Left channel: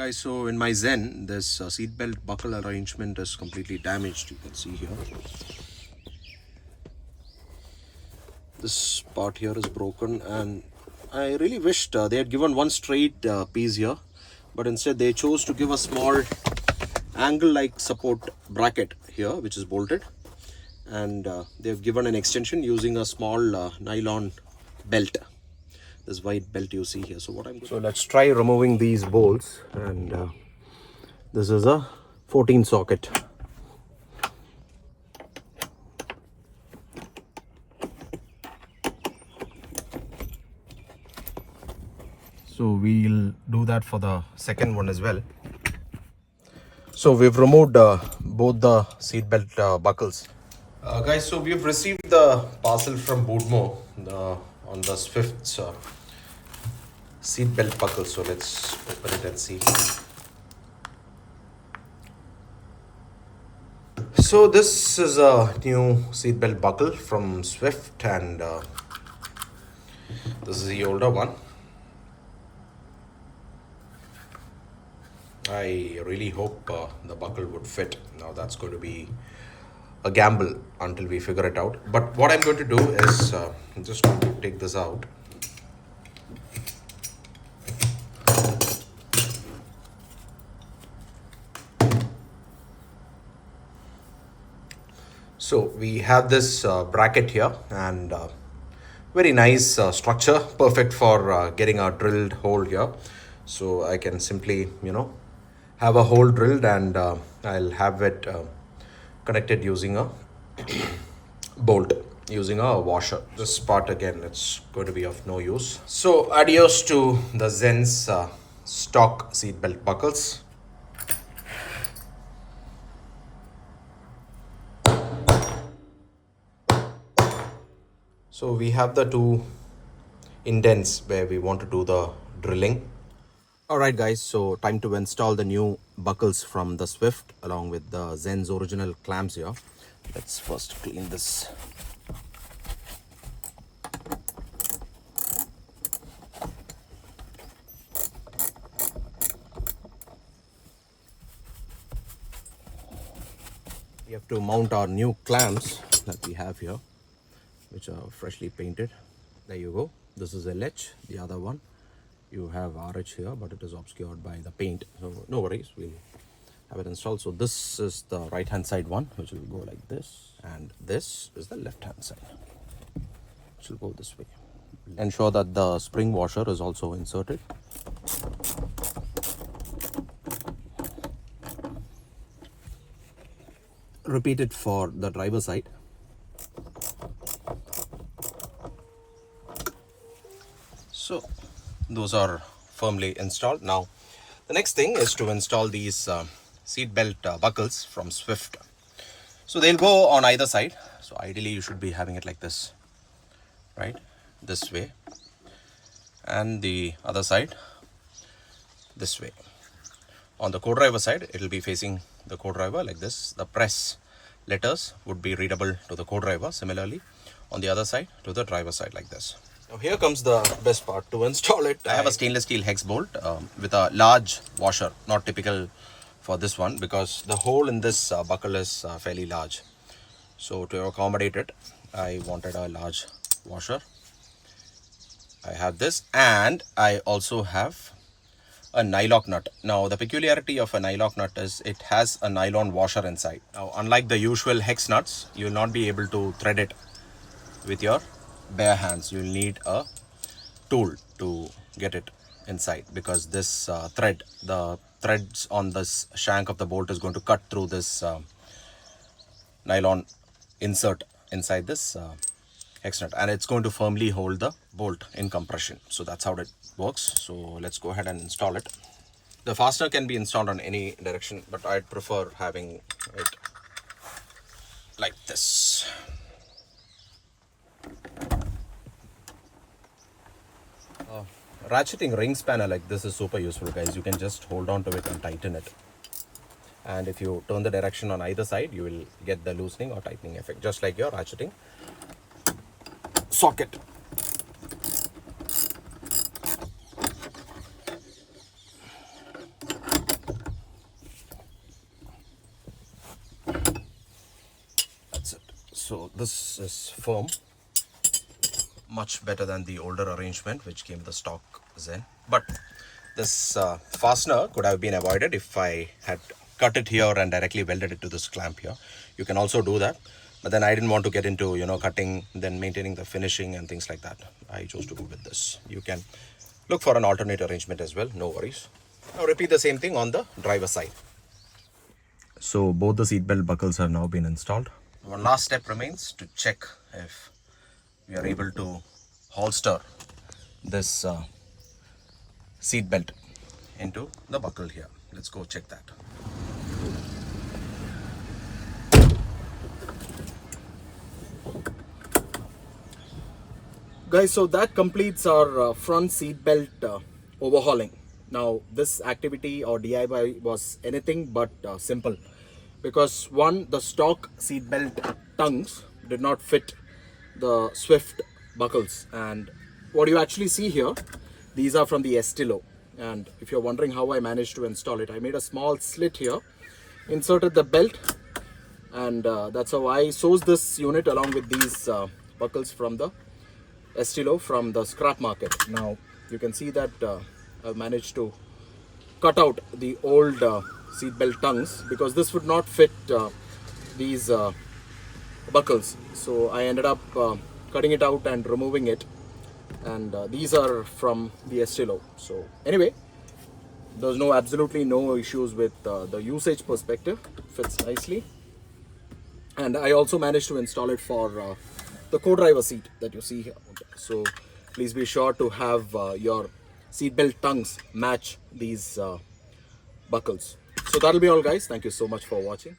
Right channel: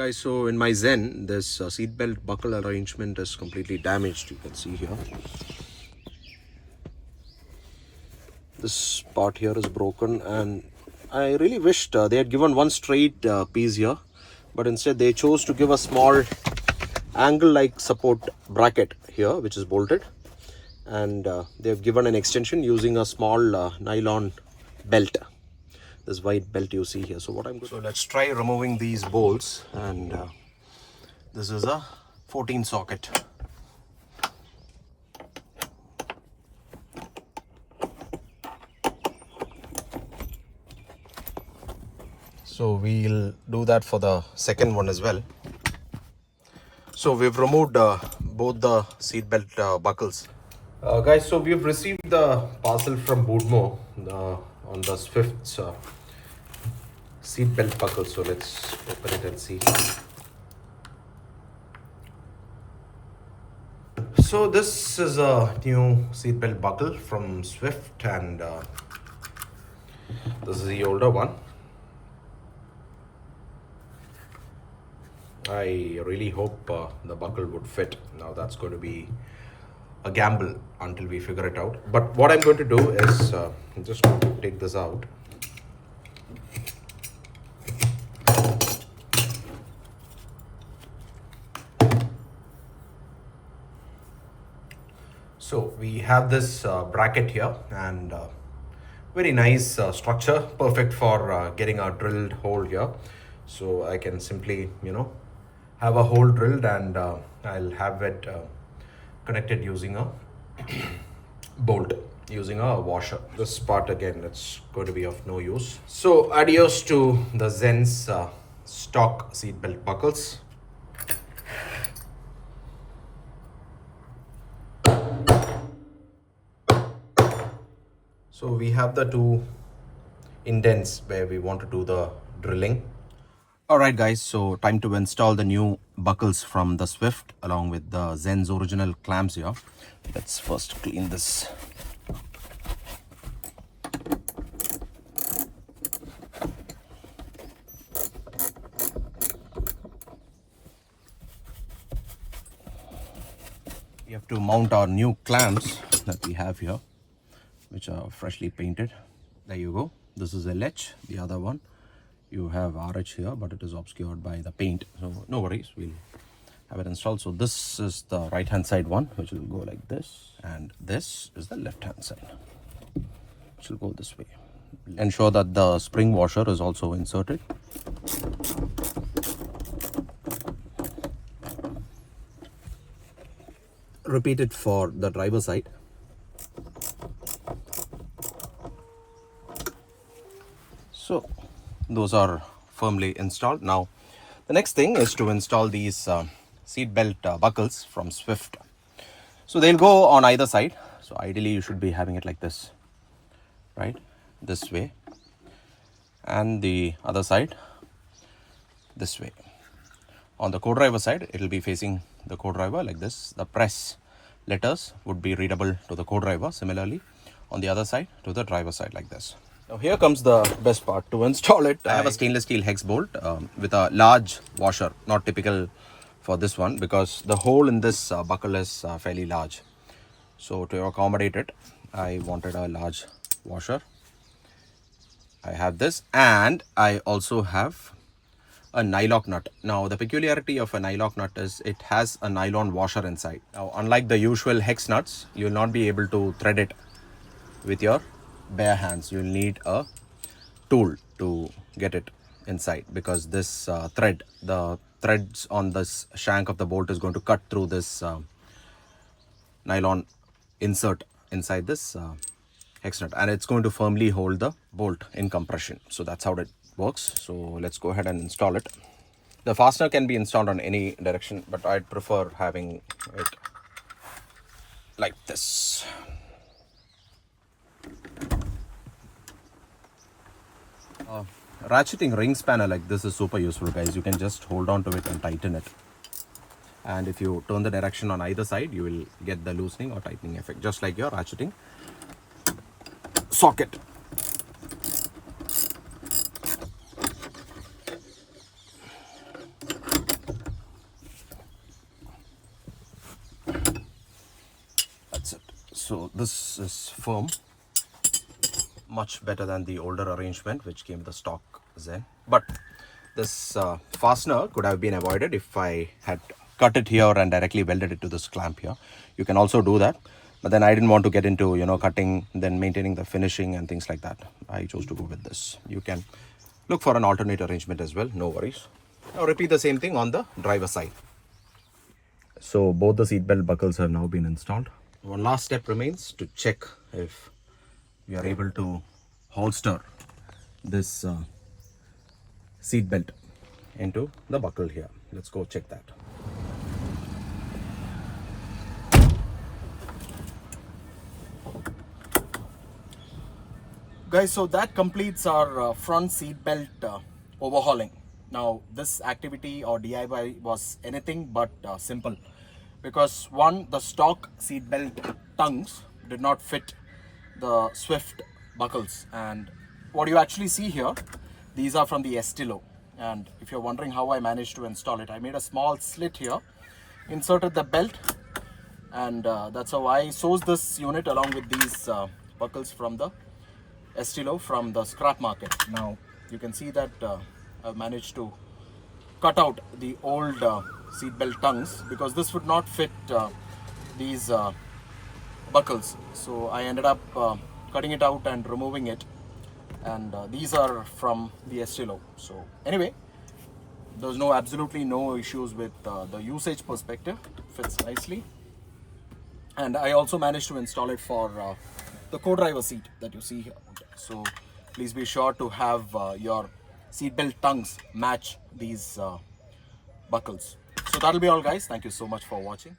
Guys, so in my Zen, this seatbelt buckle arrangement is completely damaged. You can see here. This part here is broken, and I really wished they had given one straight piece here, but instead they chose to give a small angle-like support bracket here, which is bolted, and they have given an extension using a small nylon belt. This white belt you see here. So let's try removing these bolts, and this is a 14 socket. So we'll do that for the second one as well. So we've removed both the seatbelt buckles. Guys, so we've received the parcel from Boodmo on the Swift's seatbelt buckle. So let's open it and see. So this is a new seatbelt buckle from Swift, and this is the older one. I really hope the buckle would fit. Now that's going to be a gamble until we figure it out. But what I'm going to do is I'm just going to take this out. So we have this bracket here, and very nice structure, perfect for getting a drilled hole here. So I can simply, have a hole drilled, and I'll have it connected using a bolt, using a washer. This part again, it's going to be of no use. So adios to the Zen's stock seatbelt buckles. So we have the two indents where we want to do the drilling. Alright guys, so time to install the new buckles from the Swift along with the Zen's original clamps here. Let's first clean this. We have to mount our new clamps that we have here, which are freshly painted. There you go. This is LH, the other one. You have RH here, but it is obscured by the paint. So no worries, we'll have it installed. So this is the right hand side one, which will go like this. And this is the left hand side, which will go this way. Ensure that the spring washer is also inserted. Repeat it for the driver side. So those are firmly installed. Now the next thing is to install these seat belt buckles from Swift. So they'll go on either side. So ideally you should be having it like this, right, this way, and the other side this way. On the co-driver side, it will be facing the co-driver like this. The press letters would be readable to the co-driver. Similarly, on the other side, to the driver side like this. Now here comes the best part. To install it, I have a stainless steel hex bolt with a large washer, not typical for this one because the hole in this buckle is fairly large. So to accommodate it, I wanted a large washer. I have this, and I also have a nylock nut. Now the peculiarity of a nylock nut is it has a nylon washer inside. Now unlike the usual hex nuts, you will not be able to thread it with your bare hands. You'll need a tool to get it inside because this the threads on this shank of the bolt is going to cut through this nylon insert inside this hex nut, and it's going to firmly hold the bolt in compression. So that's how it works. So let's go ahead and install it. The fastener can be installed on any direction, but I'd prefer having it like this. Ratcheting ring spanner like this is super useful, guys. You can just hold on to it and tighten it, and if you turn the direction on either side, you will get the loosening or tightening effect, just like your ratcheting socket. So this is firm, much better than the older arrangement which came with the stock Zen. But this fastener could have been avoided if I had cut it here and directly welded it to this clamp here. You can also do that, but then I didn't want to get into, you know, cutting, then maintaining the finishing and things like that. I chose to go with this. You can look for an alternate arrangement as well, no worries. Now repeat the same thing on the driver side. So both the seat belt buckles have now been installed. One last step remains to check if we are able to holster this seat belt into the buckle here. Let's go check that. Guys, so that completes our front seat belt overhauling. Now this activity or DIY was anything but simple, because one, the stock seat belt tongues did not fit the Swift buckles, and what you actually see here, these are from the Estilo. And if you're wondering how I managed to install it, I made a small slit here, inserted the belt, and that's how I sourced this unit along with these buckles from the Estilo from the scrap market. Now you can see that I've managed to cut out the old seat belt tongues, because this would not fit these buckles. So I ended up cutting it out and removing it, and these are from the Estilo. So anyway, there's absolutely no issues with the usage perspective. Fits nicely, and I also managed to install it for the co-driver seat that you see here. So please be sure to have your seatbelt tongues match these buckles. So that'll be all, guys. Thank you so much for watching.